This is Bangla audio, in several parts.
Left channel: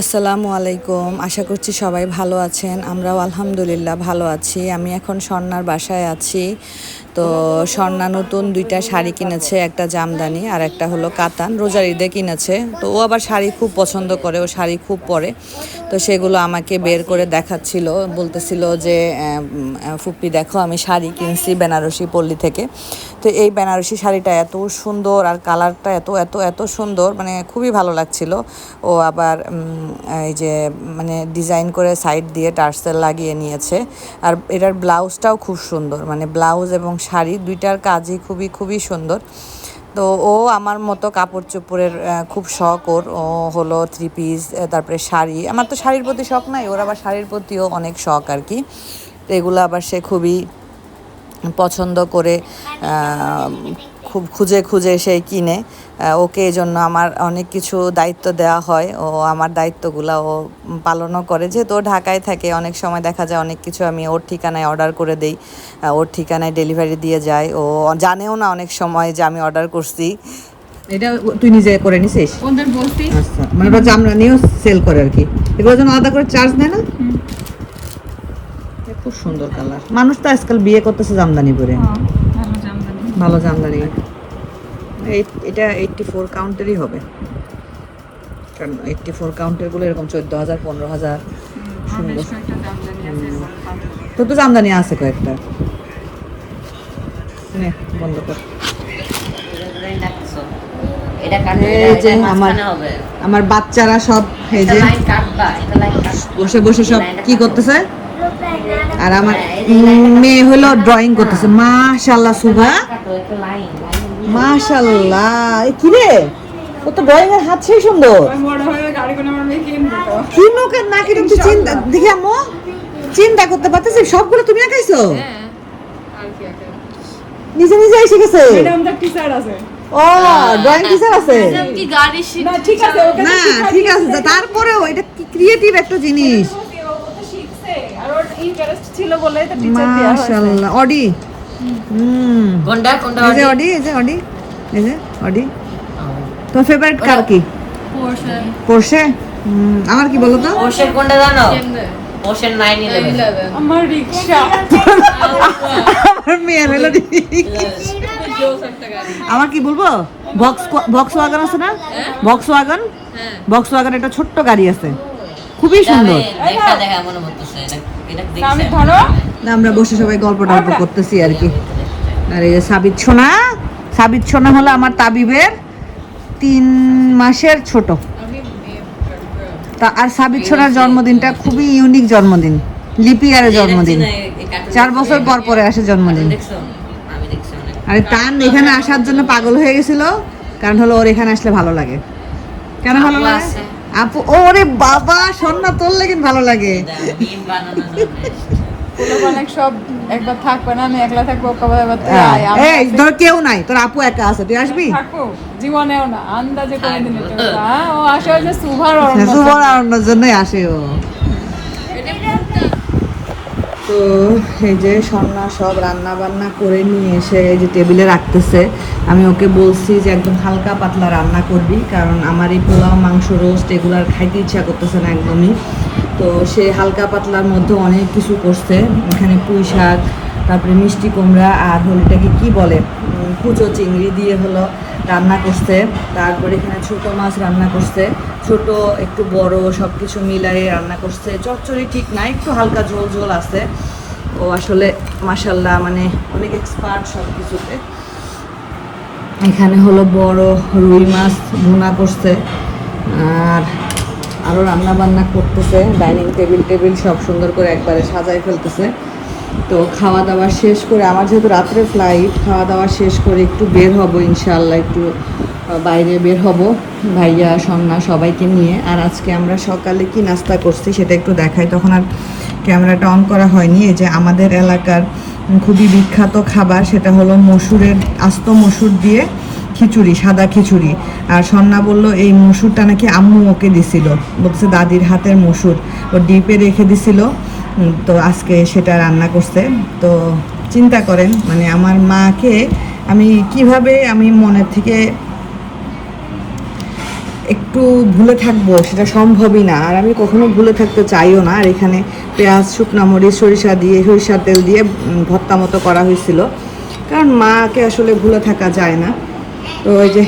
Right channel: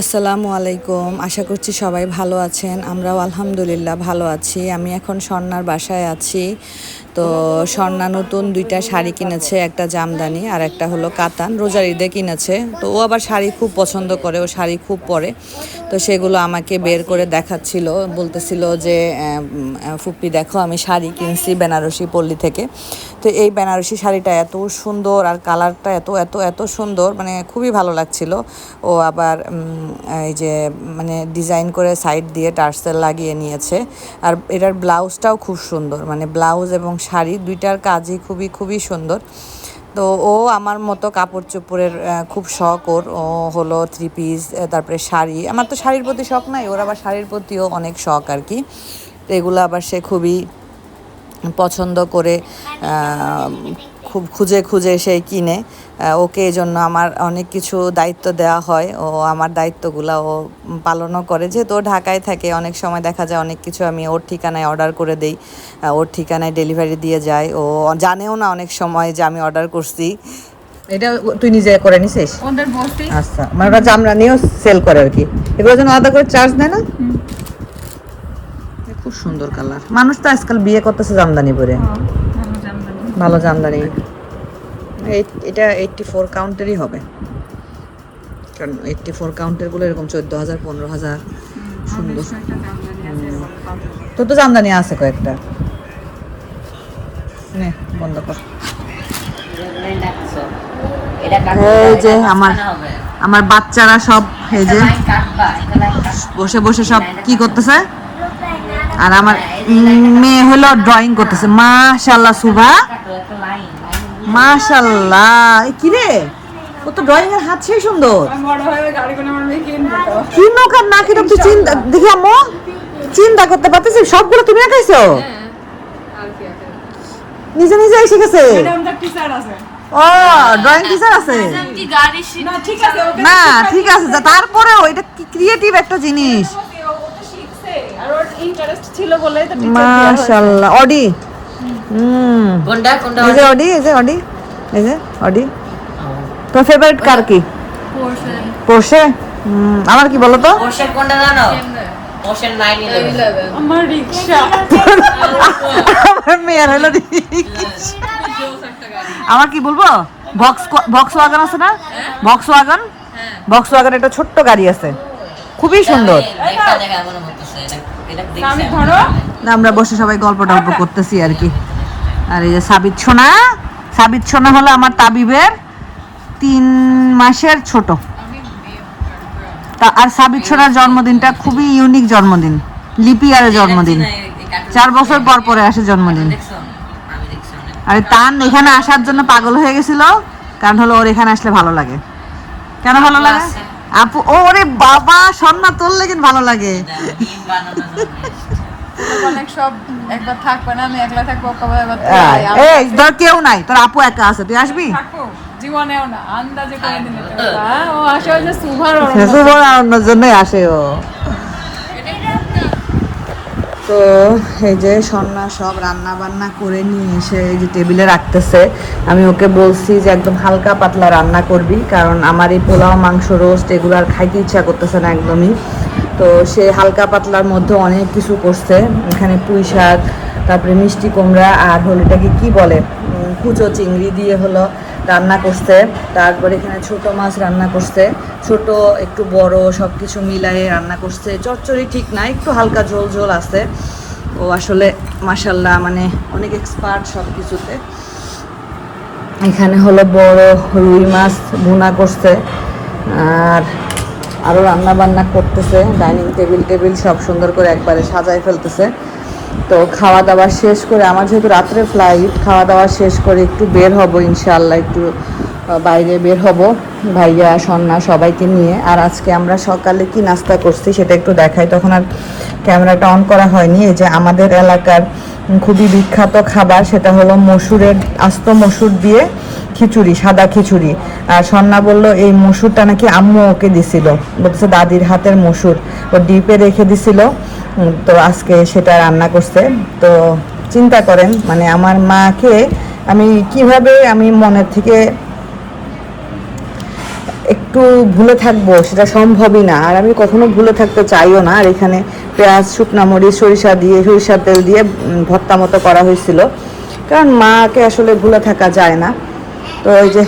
আসসালামু আলাইকুম। আশা করছি সবাই ভালো আছেন। আমরাও আলহামদুলিল্লাহ ভালো আছি। আমি এখন স্বর্ণার বাসায় আছি। তো স্বর্ণা নতুন দুইটা শাড়ি কিনেছে, একটা জামদানি আর একটা হলো কাতান। রোজার ঈদে কিনেছে। তো ও আবার শাড়ি খুব পছন্দ করে, ও শাড়ি খুব পরে। তো সেগুলো আমাকে বের করে দেখাচ্ছিল। বলতেছিল যে ফুপ্পি দেখো, আমি শাড়ি কিনছি বেনারসি পল্লী থেকে। তো এই বেনারসি শাড়িটা এত সুন্দর আর কালারটা এত এত এত সুন্দর মানে খুবই ভালো লাগছিল। ও আবার এই যে মানে ডিজাইন করে সাইড দিয়ে টার্সেল লাগিয়ে নিয়েছে। আর এটার ব্লাউজটাও খুব সুন্দর মানে ব্লাউজ এবং শাড়ি দুইটার কাজই খুবই খুবই সুন্দর। তো ও আমার মতো কাপড় চোপড়ের খুব শখ ওর। ও হলো থ্রি পিস তারপরে শাড়ি। আমার তো শাড়ির প্রতি শখ নাই, ওর আবার শাড়ির প্রতিও অনেক শখ আর কি। এগুলো আবার সে খুবই পছন্দ করে খুব খুঁজে খুঁজে সে কিনে। ওকে এই জন্য আমার অনেক কিছু দায়িত্ব দেওয়া হয়। ও আমার দায়িত্বগুলো ও পালনও করে। যেহেতু ও ঢাকায় থাকে অনেক সময় দেখা যায় অনেক কিছু আমি ওর ঠিকানায় অর্ডার করে দেই। ওর ঠিকানায় ডেলিভারি দিয়ে যায়। ও জানেও না অনেক সময় যে আমি অর্ডার করছি। এটা তুই নিজে করে নিছিস? ওদের বলছি। আচ্ছা মানে ওরা জামরানিও সেল করে আর কি। এগুলোর জন্য আলাদা করে চার্জ নেয় না? খুব সুন্দর কালার। মানুষ তো আজকাল বিয়ে করতেছে জামদানি পরে। ভালো জামদানি। এই- এটা এইটটি ফোর কাউন্টেরই হবে। কারণ এইটটি ফোর কাউন্টেরগুলো এরকম চোদ্দ হাজার পনেরো হাজার। সুন্দর। তোর তো জামদানি আছে কয়েকটা। নে, বন্ধ কর। আমার বাচ্চারা সব বসে বসে সব কি করতেছে? আর আমার মেয়ে হলো ড্রয়িং করতেছে মাশাল্লাহ সুভা মাশাল্লাহ কি রে ও তো ড্রয়িং এর হাত সেই সুন্দর কিনবো তো। না কিনো তুই চিন্তা দেখি আম্মু চিন্তা করতে পারতেছিস সবগুলো তুমি আর কি আছে? নিজে নিজে এসে গেছে। ও ড্রয়িং টিচার আছে না, ঠিক আছে, তারপরেও এটা ক্রিয়েটিভ একটা জিনিস। Interest ছিল তো হয়েছে। মাশাআল্লাহ। অডি? হুম। কোনটা কোনটা এই যে অডি? এই যে অডি এই যে অডি। তোর ফেভারিট কার কি? Portion Porsche? আমার কি বলো তো? কোনটা জানো? আমার রিক্সা। আমার মেয়ের হলো আমার কি বলব? বক্স বক্স ওয়াগন আছে না? বক্স ওয়াগন বক্স ওয়াগন একটা ছোট্ট গাড়ি আছে। খুবই সুন্দর। আমরা বসে সবাই গল্প টল্প করতেছি আর কি। আর এই যে সাবিত সোনা সাবিত সোনা হলো আমার তাবিবের তিন মাসের ছোট। তা আর সাবিত সোনার জন্মদিনটা খুবই ইউনিক জন্মদিন লিপিয়ারের জন্মদিন। চার বছর পর পরে আসে জন্মদিন। আর তান এখানে আসার জন্য পাগল হয়ে গেছিল কারণ হলো ওর এখানে আসলে ভালো লাগে। কেন ভালো লাগে। আপু ওরে বাবা সন্না তোর লাগে ভালো লাগে। অনেক সব একবার থাকবে না আমি একলা থাকব কবে একবার আয়, এই ধর কেউ নাই তোর আপু একা আছে তুই আসবি? জীবনেও না আন্দাজে ও আসে জন্যই আসে ও। তো এই যে সন্না সব রান্না বান্না করে নিয়ে এসে এই যে টেবিলে রাখতেছে, আমি ওকে বলছি যে একদম হালকা পাতলা রান্না করবি, কারণ আমার এই পোলাও, মাংস, রোস্ট এগুলো আর খাইতে ইচ্ছা করতেছে না একদমই। তো সে হালকা পাতলার মধ্যে অনেক কিছু করছে, এখানে পুঁই শাক, তারপরে মিষ্টি কুমড়া আর হলিটাকে কি বলে? কুচো চিংড়ি দিয়ে হলো রান্না করছে। তারপরে এখানে ছোট মাছ রান্না করছে। ছোট, একটু বড় সব কিছু মিলাই রান্না করছে। চচ্চড়ি ঠিক না, একটু হালকা ঝোল ঝোল আছে। ও আসলে মাসাল্লাহ মানে অনেক এক্সপার্ট সব কিছুতে এখানে হলো বড় রুই মাছ ভুনা করছে। আর আরও রান্না বান্না করতেছে। ডাইনিং টেবিল টেবিল সব সুন্দর করে একবারে সাজায় ফেলতেছে। তো খাওয়া দাওয়া শেষ করে, আমার যেহেতু রাত্রে ফ্লাইট খাওয়া দাওয়া শেষ করে একটু বের হব ইনশাআল্লাহ, একটু বাইরে বের হব। ভাইয়া, সন্না সবাইকে নিয়ে। আর আজকে আমরা সকালে কি নাস্তা করছি সেটা একটু দেখাই। তখন আর ক্যামেরাটা অন করা হয়নি। এই যে আমাদের এলাকার খুবই বিখ্যাত খাবার, সেটা হলো মসুরের আস্ত মসুর দিয়ে খিচুড়ি, সাদা খিচুড়ি। আর সন্না বলল, এই মসুরটা নাকি আম্মু ওকে দিছিল। বলছে, দাদির হাতের মসুর। ও ডিপে রেখে দিছিল। তো আজকে সেটা রান্না করছে। তো চিন্তা করেন মানে আমার মাকে আমি কীভাবে আমি মনের থেকে একটু ভুলে থাকব, সেটা সম্ভবই না। আর আমি কখনো ভুলে থাকতে চাইও না। আর এখানে পেঁয়াজ, শুকনা মরিচ, সরিষা দিয়ে, সরিষার তেল দিয়ে ভর্তা মতো করা হয়েছিল। কারণ মাকে আসলে ভুলে থাকা যায় না। তো ওই যে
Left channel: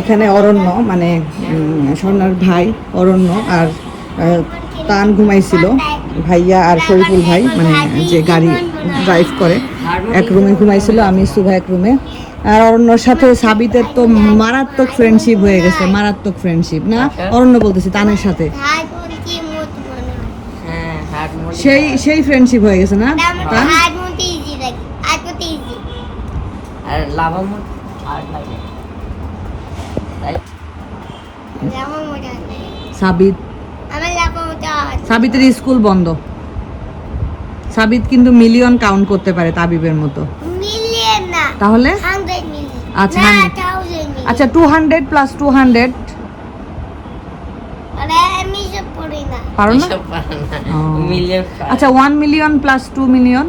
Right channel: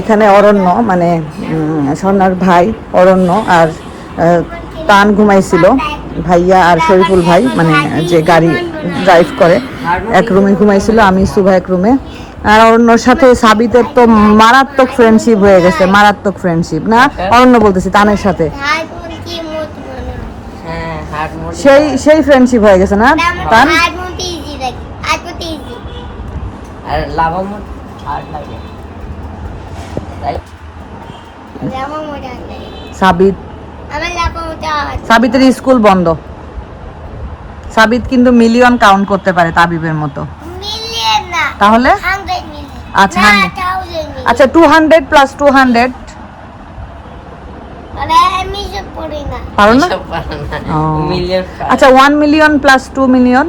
এখানে অরণ্য মানে স্বর্ণার ভাই অরণ্য আর তান ঘুমাইছিল। ভাইয়া আর শরীফুল ভাই মানে যে গাড়ি ড্রাইভ করে এক রুমে ঘুমাইছিল আমি শুভ এক রুমে। আর অরণ্যর সাথে সাবিতের তো মারাত্মক ফ্রেন্ডশিপ হয়ে গেছে মারাত্মক ফ্রেন্ডশিপ না? অরণ্য বলতেছি তানের সাথে। হ্যাঁ সেই সেই ফ্রেন্ডশিপ হয়ে গেছে না? তান আর হার্ড লাগে। সাবিত আমার লাভা মোটা হাত সাবিতের স্কুল বন্ধ। সাবিত কিন্তু মিলিয়ন কাউন্ট করতে পারে তাবিবের মতো। তাহলে? আচ্ছা, আচ্ছা two hundred plus two hundred পারো না? আচ্ছা one million plus two million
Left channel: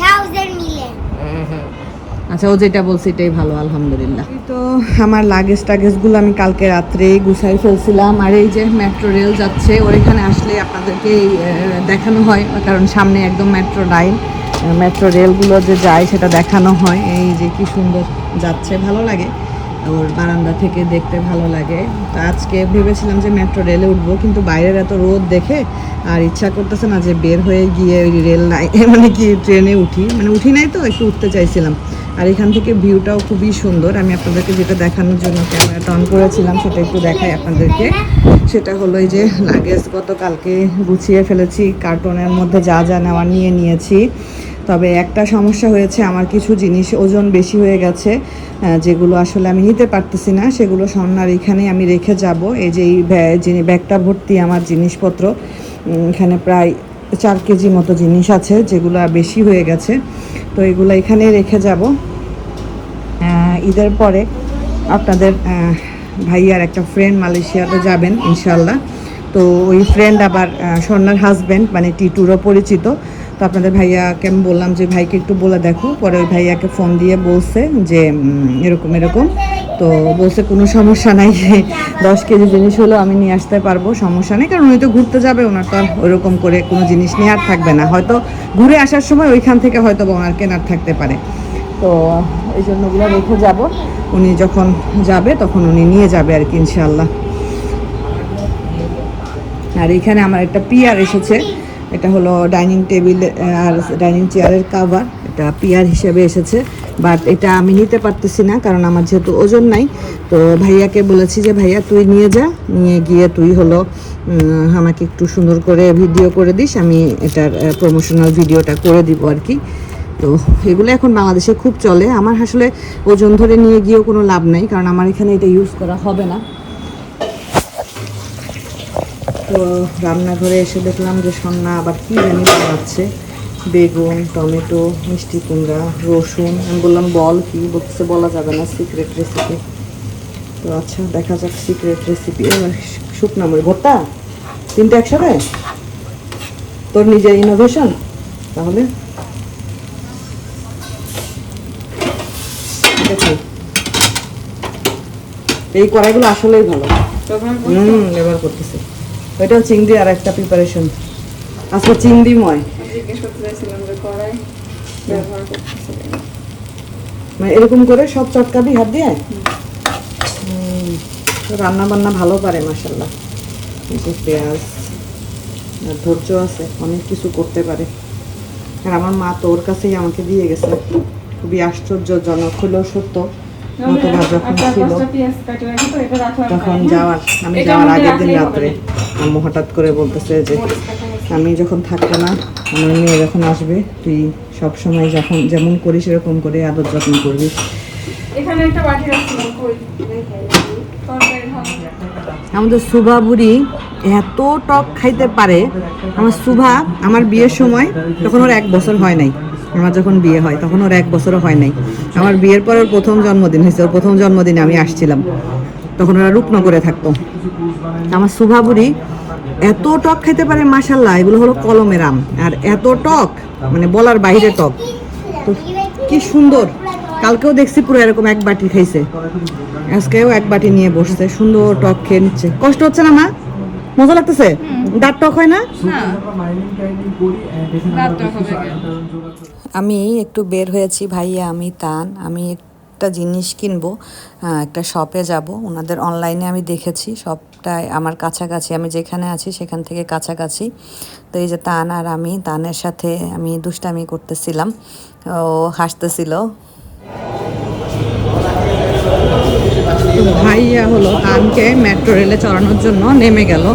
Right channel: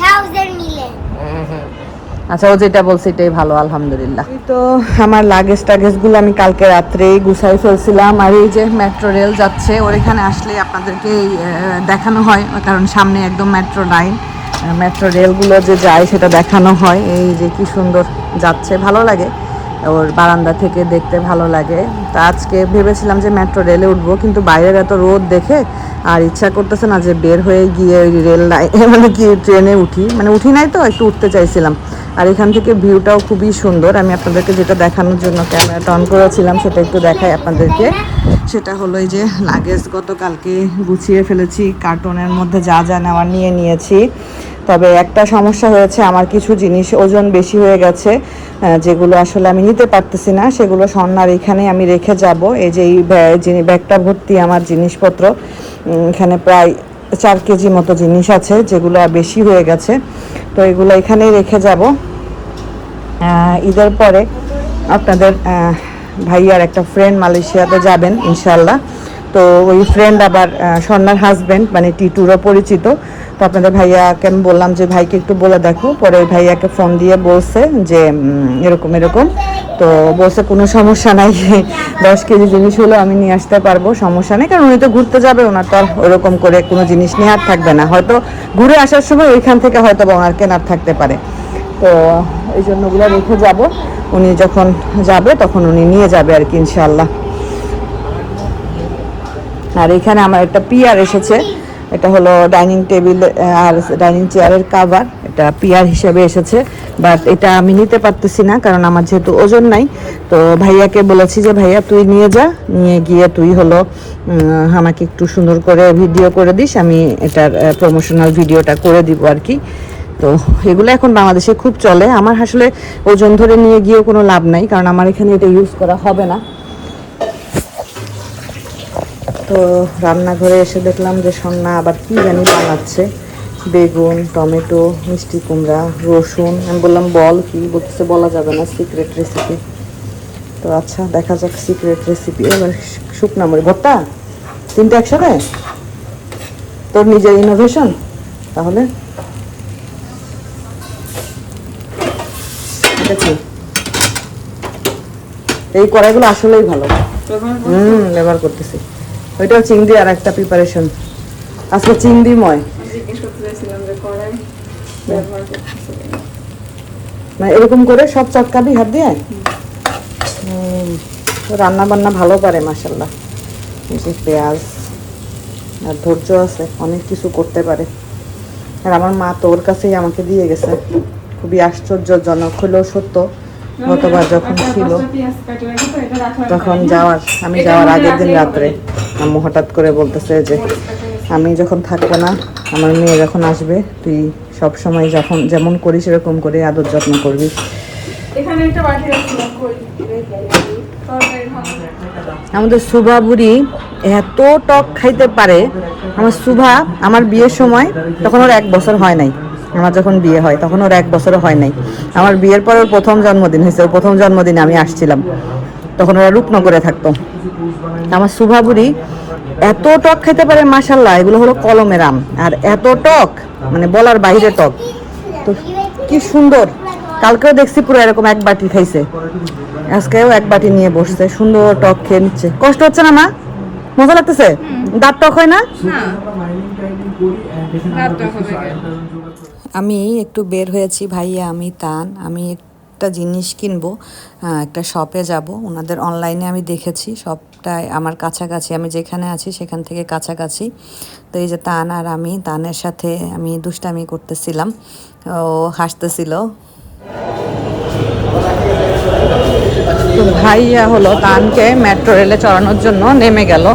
thousand million আচ্ছা ও যেটা বলছে এটাই ভালো, আলহামদুলিল্লাহ। তো আমার লাগেজ টাগেজগুলো আমি কালকে রাত্রেই গুছাই ফেলছিলাম। আর এই যে মেট্রো রেল যাচ্ছে, ওর এখানে আসলে আপনাদেরকে দেখানো হয়, কারণ সামনে একদম মেট্রো লাইন মেট্রো রেলগুলো যে যায়, সেটা দেখানো হয়। এই যে কি সুন্দর যাচ্ছে, ভালো লাগে। ওর বারান্দা থেকে দেখতে ভালো লাগে। তা আজকে ভেবেছিলাম যে মেট্রো রেলে উঠবো, কিন্তু বাইরের এত রোদ দেখে আর ইচ্ছা করতেছে না যে বের হয়ে গিয়ে ওই রেল লাইন মানে কি ট্রেনে উঠি। মানে উঠি নাই তো, একটু উঠতে চাইছিলাম। আর এখান থেকে ভিউটাও খুবই সুন্দর। আমি আপনাদেরকে যেটা দেখানোর জন্য ক্যামেরাটা অন করেছিলাম, সেটা একটু দেখাই আপনাদেরকে। সেটা হলো এই যে লাগেজ গতকালকে গুছিয়ে ফেলেছি কার্টনের মধ্যে যা যা নেওয়ার নিয়ে নিয়েছি। তবে একটা সমস্যা হয়েছে, আমার কিছু জিনিস ওজন বেশি হয়ে গেছে যেগুলো আসলে আমি নিতে পারতেছি না, সেগুলো স্বর্ণার এখানে আমি রেখে যাব। এই যে এই ব্যা- ব্যাগটা ভর্তি আমার জিনিসপত্র এখানে প্রায় চার কেজি মতো জিনিস আছে, যেগুলো বেশি হয়ে গেছে। তো এগুলো এখানে রেখে যাব। ঈদের পরে আপনাদের ভাইয়ার একটা ফ্রেন্ড মালয়েশিয়াতে যাবেন ইনশাল্লাহ তো ওই ফ্রেন্ড আবার স্বর্ণার হাজব্যান্ড মানে টিটুরও পরিচিত। তো আপনাদের ভাইয়াকে আমি বললাম যে, ভাইকে একটু বলে দেখো। পরে ওই ভাইয়াকে ফোন দিয়ে বলছে যে এরকম এরকম। তো বলছে, কোনো সমস্যা নাই। দশ কেজি জিনিস হলো আমি নিয়ে আসতে পারব, সমস্যা নেই। কারণ উনি তো ঘুরতে যাবে, ওনার তো আর ওরকম করে কোনো জিনিস নেওয়ার থাকবে না। হয়তো ঘুরে আসার সময় ওইখান থেকে হয়তো বা ওনার কেনার থাকতে পারে। তো এই জন্য ওগুলো রেখে যাব। উনি যখন যাবে, তখন উনি নিয়ে যাবে আর কি ইনশাল্লাহ আর এখানে আমার একটা পিয়ার এসেছে। এটা হলো ডাইনিং টেবিল আর ডাইনিং চেয়ারের কাভার এটা পিয়ার হিসেবে এসেছে। বাট এটা আমি নিতে পারতেছি না কারণ আমার যেহেতু ওজন নাই। তো ভাইয়াকে বলেছি যে, ভাইয়া, তুই নিয়ে যা। নিয়ে গিয়ে তুই হলো আমাকে একটু সুন্দর করে ভিডিও করে দিস। আমি এটার প্রমোশনাল ভিডিওটা করে দিব আর কি। তো এগুলো এখন বাংলাদেশে খুব চলে। আমার আসলে ওজন ধরে নিয়ে গিয়েও কোনো লাভ নাই কারণ আমার এখানে এটা ইউজ করা হবে না। তো রান্নাঘরে এসে দেখলাম যে সন্না আবার কি জানি বানাচ্ছে। বেগুন টমেটো মিষ্টি কুমড়া রসুন। আমি বললাম বল কি? বলতেছে বলা যাবে না সিক্রেট রেসিপি তো আচ্ছা দেখা যাক সিক্রেট রেসিপি এবার শুকনা মরি ভর্তা? তিনটে একসাথে? তোর নিজের ইনোভেশন তাহলে? এই কড়াইগুলো আসলেই ভালো। হুম ব্যবহার করতেছি। ওইটাও চিংড়ি আর একটা প্রিপারেশন আজকে চিংড়িময়। মানে এরকম করে সব চটকাবি হাত দিয়ে? রান্না বান্না ভালো পারে মাসাল্লাহ পেঁয়াজ আর ধৈর্য আছে, অনেক কিছু করতে পারে। আর আমার মা তো ওর কাছেই আমাকে দিয়ে গেছে। খুবই আশ্চর্যজনক, হলেও সত্য। গতবার যখন ছিল কেটে রাখো তো, এটা রাখলাম। তখন যাওয়ার আমি যাওয়ার আগের দিন রাত্রে আম্মু হঠাৎ করে বলতেছে যে আমি যখন থাকব না আমার মেয়ে যখন আসবে তুই সব সময় যখন যেমন করিস সেরকম করে আদর যত্ন করবি। আমাদের সুভা বুড়ি এত টক খাইতে পারে আমার সুভা আমার বিয়ের সময় তখন ওর এক বছর হয় নাই আমার যখন বিয়ে হয় তখন ওর এক বছরও হয় নাই। আমার বিয়ের পর ওর প্রথম জন্মদিন হয়েছে ওর প্রথম জন্মদিনে আমি আসছিলাম। তখন ওরা রূপনগরে থাকতো। আমার সুভাবুরি এত টক খেতে পারে মাসাল্লাহ এগুলো হলো কলমের আম। আর এত টক মানে বলার বাইরে টক। তো কি সুন্দর। কালকেও দেখছি পুরো এরকম এক বাটি খাইছে। আজকেও এক বাটি নিয়ে বসছে সুন্দর টক খেয়ে নিচ্ছে। কষ্ট হচ্ছে না মা? মজা লাগতেছে? দাঁত টক হয় না। আমি একটু বের হয়েছি, ভাইয়া, আমি তান। আমি একটা জিনিস কিনবো একটা শপে যাব। ওনাদের অনলাইনে আমি দেখেছি সবটাই আমার কাছাকাছি, আমি যেখানে আছি সেখান থেকে কাছাকাছি। তো এই যে তান আর আমি, তানের সাথে আমি দুষ্টামি করতেছিলাম। ও হাসতেছিল। ভাইয়া হলো তানকে মেট্রো রেলে চড়ানোর জন্য নেমে গেল।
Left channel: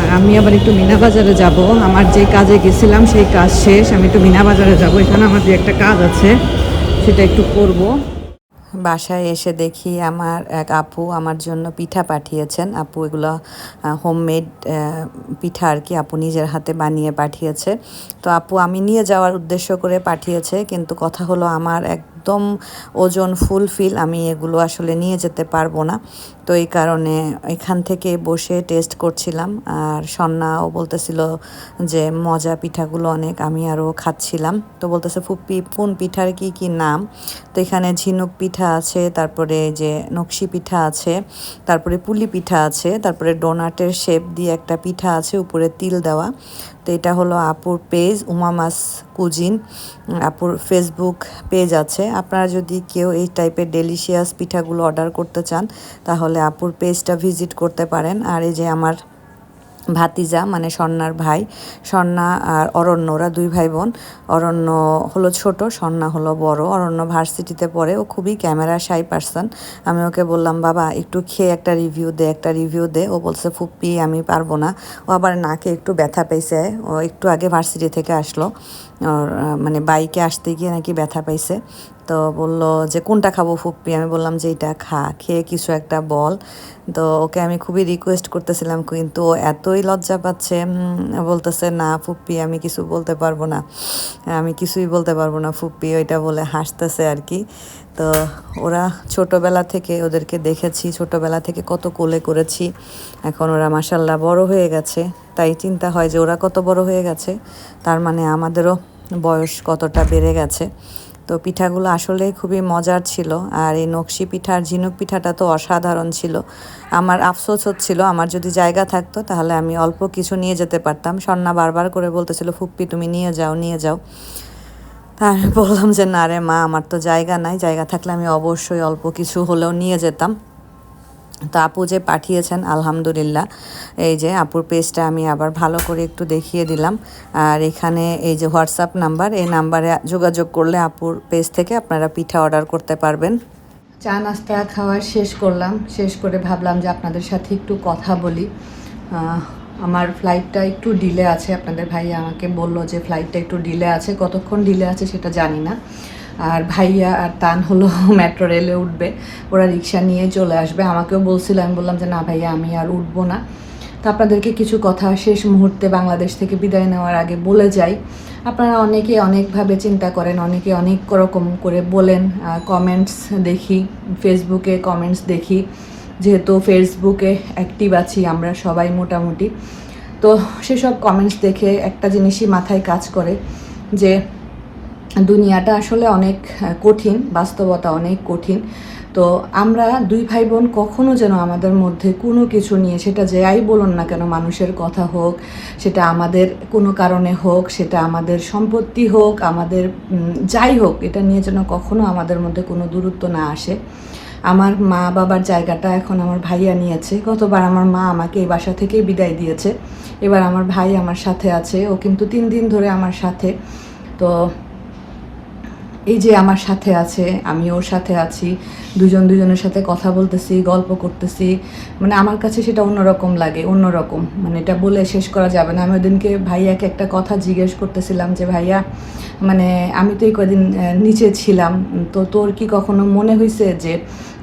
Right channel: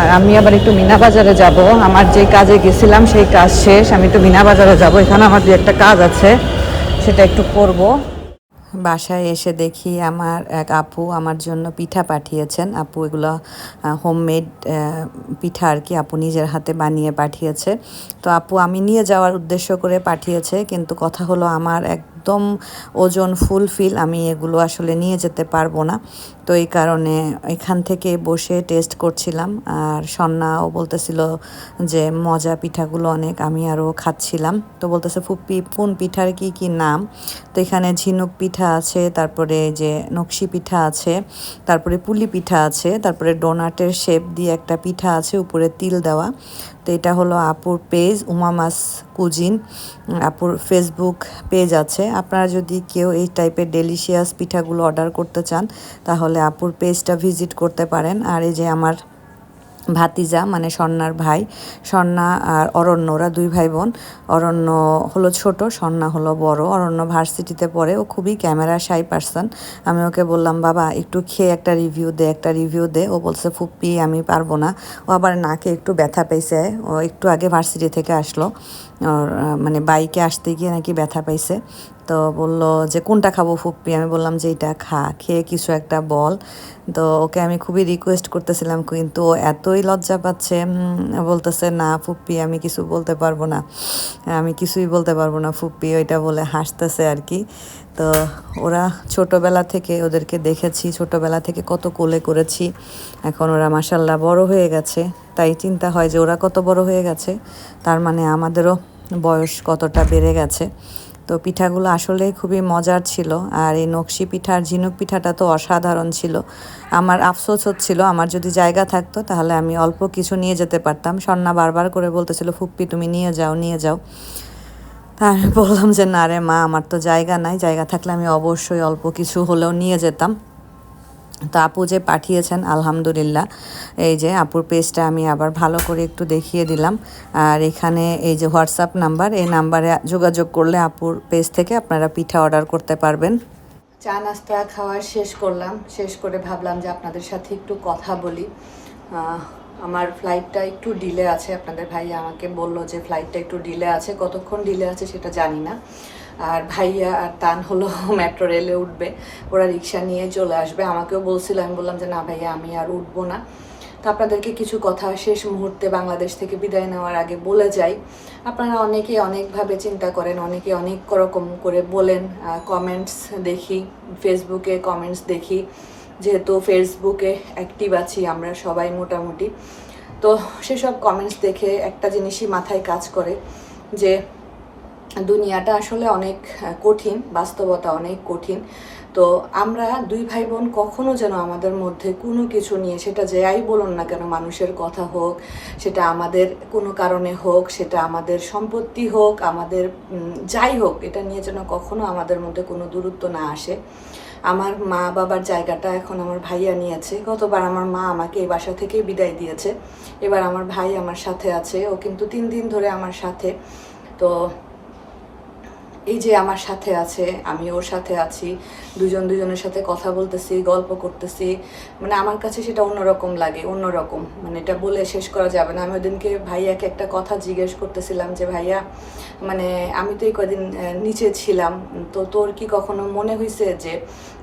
আর আমি আবার একটু মিনা বাজারে যাব। আমার যে কাজে গেছিলাম, সেই কাজ শেষ। আমি একটু মিনা বাজারে যাব। এখানে আমার যে একটা কাজ আছে। সেটা একটু করব। বাসায় এসে দেখি আমার এক আপু আমার জন্য পিঠা পাঠিয়েছেন। আপু এগুলো হোমমেড পিঠা আর কি আপু নিজের হাতে বানিয়ে পাঠিয়েছে। তো আপু আমি নিয়ে যাওয়ার উদ্দেশ্য করে পাঠিয়েছে, কিন্তু কথা হলো আমার একদম ওজন ফুলফিল আমি এগুলো আসলে নিয়ে যেতে পারব না। তো এই কারণে এখান থেকে বসে টেস্ট করছিলাম আর সন্নাও বলতেছিল যে মজা পিঠাগুলো অনেক, আমি আরও খাচ্ছিলাম। তো বলতেছে ফুপ্পি কোন পিঠার কি কি নাম? তো এখানে ঝিনুক পিঠা আছে, তারপরে যে নকশি পিঠা আছে, তারপরে পুলি পিঠা আছে, তারপরে ডোনাটের শেপ দিয়ে একটা পিঠা আছে, উপরে তিল দেওয়া। তো এটা হলো আপুর পেজ উমামাস কুজিন আপুর ফেসবুক পেজ আছে। আপনারা যদি কেউ এই টাইপের ডেলিশিয়াস পিঠাগুলো অর্ডার করতে চান, তাহলে আপুর পেজটা ভিজিট করতে পারেন। আর এই যে আমার ভাতিজা মানে স্বর্ণার ভাই স্বর্ণা আর অরণ্য, ওরা দুই ভাই বোন অরণ্য হলো ছোট স্বর্ণা হলো বড়। অরণ্য ভার্সিটিতে পড়ে, ও খুবই ক্যামেরা সাই পার্সন। আমি ওকে বললাম, বাবা, একটু খেয়ে একটা রিভিউ দে, একটা রিভিউ দে। ও বলছে, ফুপ্পি, আমি পারব না। ও আবার নাকে একটু ব্যথা পেয়েছে। ও একটু আগে ভার্সিটি থেকে আসলো। ওর মানে বাইকে আসতে গিয়ে নাকি ব্যথা পাইছে। তো বলল যে, কোনটা খাব ফুপ্পি? আমি বললাম যে, এটা খা, খেয়ে কিছু একটা বল। তো ওকে আমি খুবই রিকোয়েস্ট করতেছিলাম, কিন্তু ও এতই লজ্জা পাচ্ছে বলতেছে, না ফুপ্পি, আমি কিছু বলতে পারব না। আমি কিছুই বলতে পারব না ফুপ্পি। ওইটা বলে হাসতেছে আর কি। তো ওরা ছোটবেলা থেকে ওদেরকে দেখেছি, ছোটবেলা থেকে কত কোলে করেছি। এখন ওরা মাসাল্লাহ বড় হয়ে গেছে। তাই চিন্তা হয় যে ওরা কত বড় হয়ে গেছে, তার মানে আমাদেরও বয়স কতটা বেড়ে গেছে। তো পিঠাগুলো আসলে খুবই মজার ছিল, আর এই নকশি পিঠার, ঝিনুক পিঠাটা তো অসাধারণ ছিল। আমার আফসোস হচ্ছিল, আমার যদি জায়গা থাকতো তাহলে আমি অল্প কিছু নিয়ে যেতে পারতাম। স্বর্ণা বারবার করে বলতেছিল, ফুপ্পি, তুমি নিয়ে যাও নিয়ে যাও। আমি বললাম যে, না রে মা, আমার তো জায়গা নাই। জায়গা থাকলে আমি অবশ্যই অল্প কিছু হলেও নিয়ে যেতাম। তো আপু যে পাঠিয়েছেন, আলহামদুলিল্লাহ। এই যে আপুর পেজটা আমি আবার ভালো করে একটু দেখিয়ে দিলাম। আর এখানে এই যে হোয়াটসঅ্যাপ নাম্বার, এই নাম্বারে যোগাযোগ করলে আপুর পেজ থেকে আপনারা পিঠা অর্ডার করতে পারবেন। চা নাস্তা খাওয়া শেষ করলাম। শেষ করে ভাবলাম যে আপনাদের সাথে একটু কথা বলি। আমার ফ্লাইটটা একটু ডিলে আছে, আপনাদের ভাই আমাকে বলল যে ফ্লাইটটা একটু ডিলে আছে, কতক্ষণ ডিলে আছে সেটা জানি না। আর ভাইয়া আর তান হলো মেট্রো রেলে উঠবে, ওরা রিক্সা নিয়ে চলে আসবে। আমাকেও বলছিল, আমি বললাম যে, না ভাইয়া, আমি আর উঠবো না। তো আপনাদেরকে কিছু কথা শেষ মুহূর্তে বাংলাদেশ থেকে বিদায় নেওয়ার আগে বলে যাই। আপনারা অনেকে অনেকভাবে চিন্তা করেন, অনেকে অনেক রকম করে বলেন কমেন্টস দেখি ফেসবুকে কমেন্টস দেখি। যেহেতু ফেসবুকে অ্যাক্টিভ আছি আমরা সবাই মোটামুটি। তো সেসব কমেন্টস দেখে একটা জিনিসই মাথায় কাজ করে যে দুনিয়াটা আসলে অনেক কঠিন, বাস্তবতা অনেক কঠিন। তো আমরা দুই ভাই বোন কখনো যেন আমাদের মধ্যে কোনো কিছু নিয়ে, সেটা যাই বলুন না কেন মানুষের কথা হোক, সেটা আমাদের কোনো কারণে হোক, সেটা আমাদের সম্পত্তি হোক, আমাদের যাই হোক, এটা নিয়ে যেন কখনো আমাদের মধ্যে কোনো দূরত্ব না আসে। আমার মা বাবার জায়গাটা এখন আমার ভাইয়া নিয়েছে। গতবার আমার মা আমাকে এই বাসা থেকেই বিদায় দিয়েছে। এবার আমার ভাই আমার সাথে আছে, ও কিন্তু তিন দিন ধরে আমার সাথে। তো এই যে আমার সাথে আছে, আমি ওর সাথে আছি, দুজন দুজনের সাথে কথা বলতেছি, গল্প করতেছি মানে আমার কাছে সেটা অন্যরকম লাগে, অন্যরকম। মানে এটা বলে শেষ করা যাবে না। আমি ওদিনকে ভাইয়াকে একটা কথা জিজ্ঞেস করতেছিলাম যে, ভাইয়া মানে আমি তো এই কদিন নিচে ছিলাম। তো তোর কি কখনো মনে হয়েছে যে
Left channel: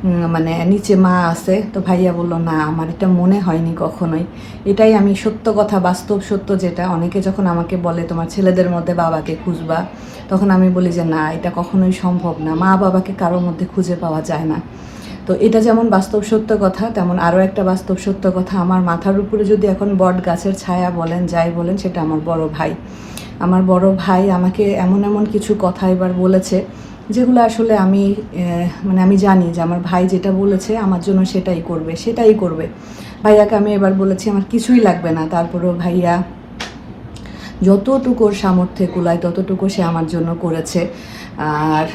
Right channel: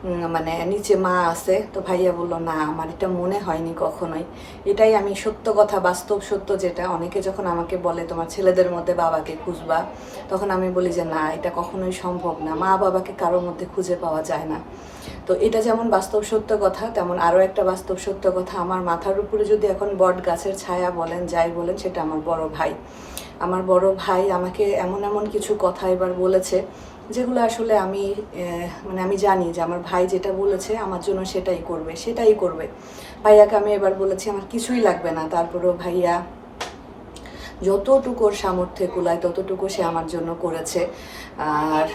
মানে নিচে মা আছে, তো ভাইয়া বলল, না, আমার এটা মনে হয়নি কখনোই। এটাই আমি সত্য কথা, বাস্তব সত্য যেটা। অনেকে যখন আমাকে বলে, তোমার ছেলেদের মধ্যে বাবাকে খুঁজবা, তখন আমি বলি যে, না, এটা কখনোই সম্ভব না। মা বাবাকে কারোর মধ্যে খুঁজে পাওয়া যায় না। তো এটা যেমন বাস্তব সত্য কথা, তেমন আরও একটা বাস্তব সত্য কথা। আমার মাথার উপরে যদি এখন বট গাছের ছায়া বলেন, যাই বলেন, সেটা আমার বড় ভাই। আমার বড় ভাই আমাকে এমন এমন কিছু কথা এবার বলেছে যেগুলো আসলে আমি মানে আমি জানি যে আমার ভাই যেটা বলেছে আমার জন্য সেটাই করবে সেটাই করবে। ভাইয়াকে আমি এবার বলেছি আমার কিছুই লাগবে না, তারপরেও ভাইয়া যতটুকুর সামর্থ্যে কুলায়, ততটুকু সে আমার জন্য করেছে। আর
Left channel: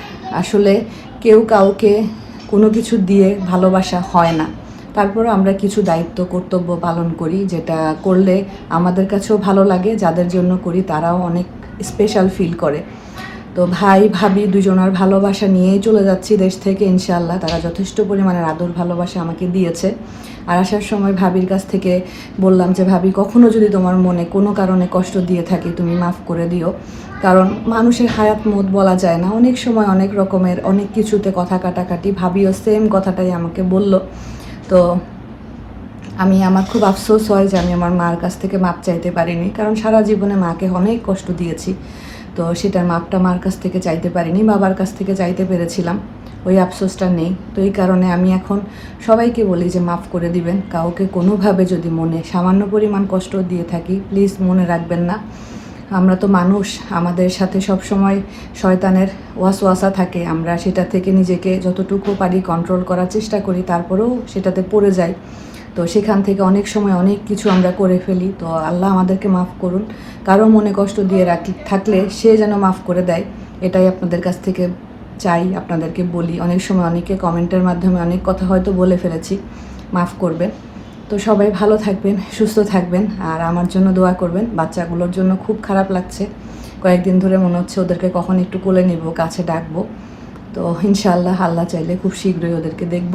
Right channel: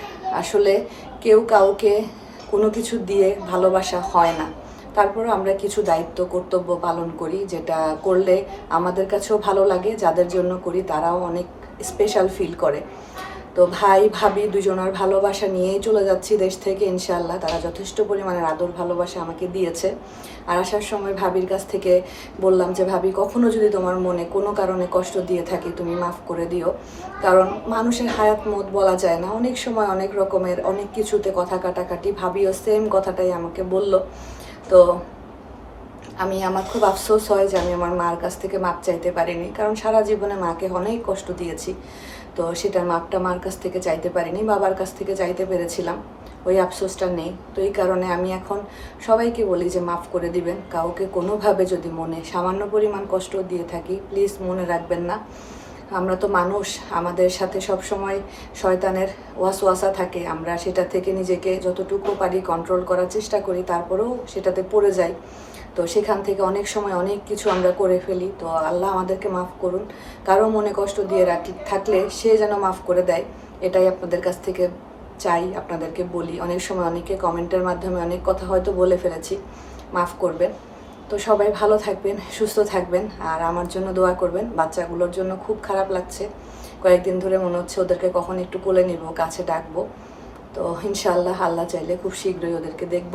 আসলে কেউ কাউকে কোনো কিছু দিয়ে ভালোবাসা হয় না। তারপরে আমরা কিছু দায়িত্ব, কর্তব্য পালন করি, যেটা করলে আমাদের কাছেও ভালো লাগে, যাদের জন্য করি তারাও অনেক স্পেশাল ফিল করে। তো ভাই, ভাবি দুজনের ভালোবাসা নিয়েই চলে যাচ্ছি দেশ থেকে ইনশাল্লাহ তারা যথেষ্ট পরিমাণের আদর, ভালোবাসা আমাকে দিয়েছে। আর আসার সময় ভাবির কাছ থেকে বললাম যে, ভাবি, কখনো যদি তোমার মনে কোনো কারণে কষ্ট দিয়ে থাকি, তুমি মাফ করে দিও। কারণ মানুষের হায়াত মত বলা যায় না। অনেক সময় অনেক রকমের, অনেক কিছুতে কথা কাটাকাটি ভাবিও সেম কথাটাই আমাকে বলল। তো আমি, আমার খুব আফসোস হয় যে, আমি আমার মার কাছ থেকে মাপ চাইতে পারিনি। কারণ সারা জীবনে মাকে অনেক কষ্ট দিয়েছি। তো সেটার মাপটা মার কাছ থেকে চাইতে পারিনি, বাবার কাছ থেকে চাইতে পেরেছিলাম। ওই আফসোসটা নেই। তো এই কারণে আমি এখন সবাইকে বলি যে মাফ করে দিবেন। কাউকে কোনোভাবে যদি মনে সামান্য পরিমাণ কষ্ট দিয়ে থাকি, প্লিজ মনে রাখবেন না। আমরা তো মানুষ, আমাদের সাথে সব সময় শয়তানের ওয়াসওয়াসা থাকে। আমরা সেটা থেকে নিজেকে যতটুকু পারি কন্ট্রোল করার চেষ্টা করি, তারপরেও সেটাতে পড়ে যাই। তো সেখান থেকে অনেক সময় অনেক কিছু আমরা করে ফেলি। তো আল্লাহ আমাদেরকে মাফ করুন। কারও মনে কষ্ট দিয়ে রাখি, থাকলে সে যেন মাফ করে দেয়, এটাই আপনাদের কাছ থেকে চাই, আপনাদেরকে বলি। অনেক সময় অনেকে কমেন্টের মাধ্যমে অনেক কথা হয়তো বলে ফেলেছি, মাফ করবেন। তো সবাই ভালো থাকবেন, সুস্থ থাকবেন, আর আমার জন্য দোয়া করবেন। বাচ্চাগুলোর জন্য খুব খারাপ লাগছে। কয়েকদিন ধরে মনে হচ্ছে ওদেরকে কখন একটু কোলে নিব, কাছে ডাকবো। তো ইনশাআল্লাহ, আল্লাহ চাইলে খুব শীঘ্রই ওদেরকে দেখব।